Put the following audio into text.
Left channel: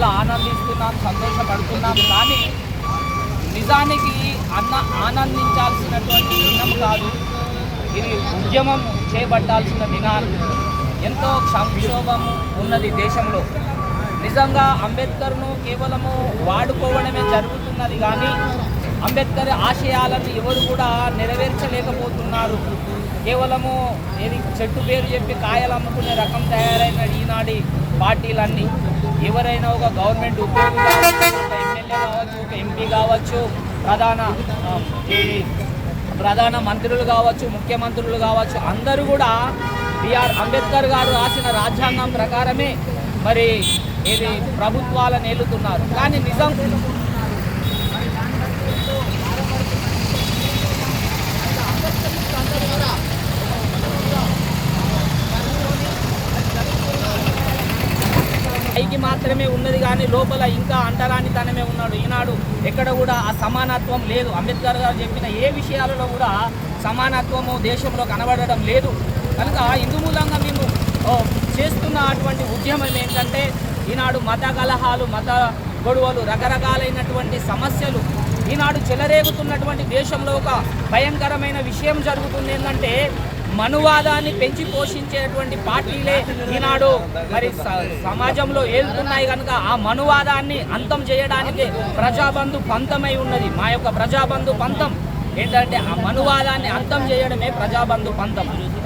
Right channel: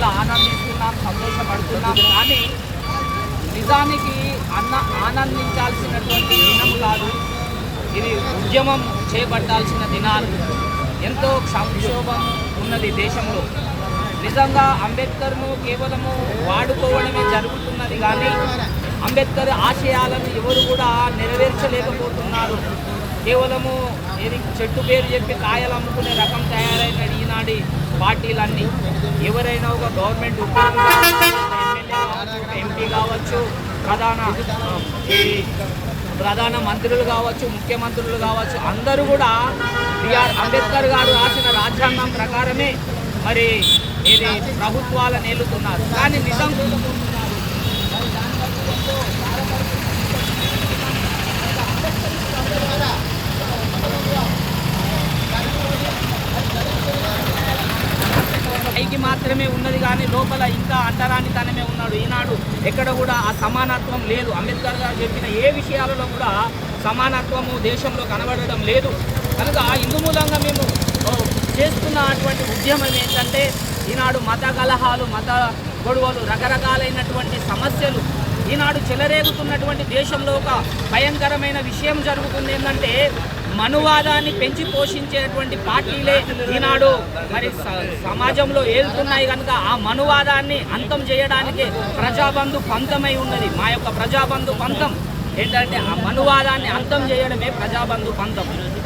చాలా ఆనందిస్తున్నాం, సంతోషపడుతున్నాం. కానీ నిజానికి ఆనందించాల్సినటువంటి దినం కాదు ఇది. ఉద్యమం చేపట్టాల్సిన దినాలు. ఎంతో సంక్షోభం ఉన్నది దేశంలో. నిజంగా అంబేద్కర్ను కేవలము వాడుకోవడమే జరుగుతున్నది, కానీ అంబేద్కర్ ఆశయాలను ఎవరు కూడా నెరవేర్చలేకపోతున్నారు. కేవలము ఏది చెట్టు పేరు చెప్పి కాయలు అమ్ముకునే రకం తయారైన ఈనాటి పార్టీలన్నీ. ఎవరైనా ఒక గవర్నమెంట్ ఉద్యోగి కావచ్చు, ఎమ్మెల్యే కావచ్చు, ఒక ఎంపీ కావచ్చు, ప్రధాన మంత్రులు కావచ్చు, ముఖ్యమంత్రులు కావచ్చు, అందరూ కూడా బిఆర్ అంబేద్కర్ గారు రాసిన రాజ్యాంగం ప్రకారమే మరి ఇది ప్రభుత్వాలను ఏలుతున్నారు. కానీ నిజం పైకి మాత్రమే ఉన్నది, కానీ లోపల ఇంకా అంటరానితనమే ఉన్నాడు. ఈనాడు ఎక్కడ కూడా ఆ సమానత్వం లేదు. అంబేద్కర్ గారు చెప్పిన ఏ విషయాలలో కూడా సమానత్వము దేశంలో కనబడడం లేదు. కనుక ఇందు మూలంగా మేము చేస్తున్న అటువంటి ఉద్యమం ఏంటంటే, ఈనాడు మత కలహాలు, మత గొడవలు, రకరకాలైనటువంటి సమస్యలు ఈనాడు చెలరేగుతున్నటువంటి దేశంలో ఒక భయంకరమైన విషయం జరుగుతుంది. ఏంటంటే మనువాదాన్ని పెంచి పోషించేటువంటి పార్టీలే ఈనాడు మరి సమాజంలో ఏలుతున్నాయి. కనుక ఆ మనువాదాన్ని అంతం చేయడానికి ప్రజాబంధు పంతమై ఉన్నది. మా యొక్క ప్రజాబంధు పంతం ఏంటంటే ఆ మనువాదాన్ని అంతం చేయడమే ప్రజాబంధు పంతం.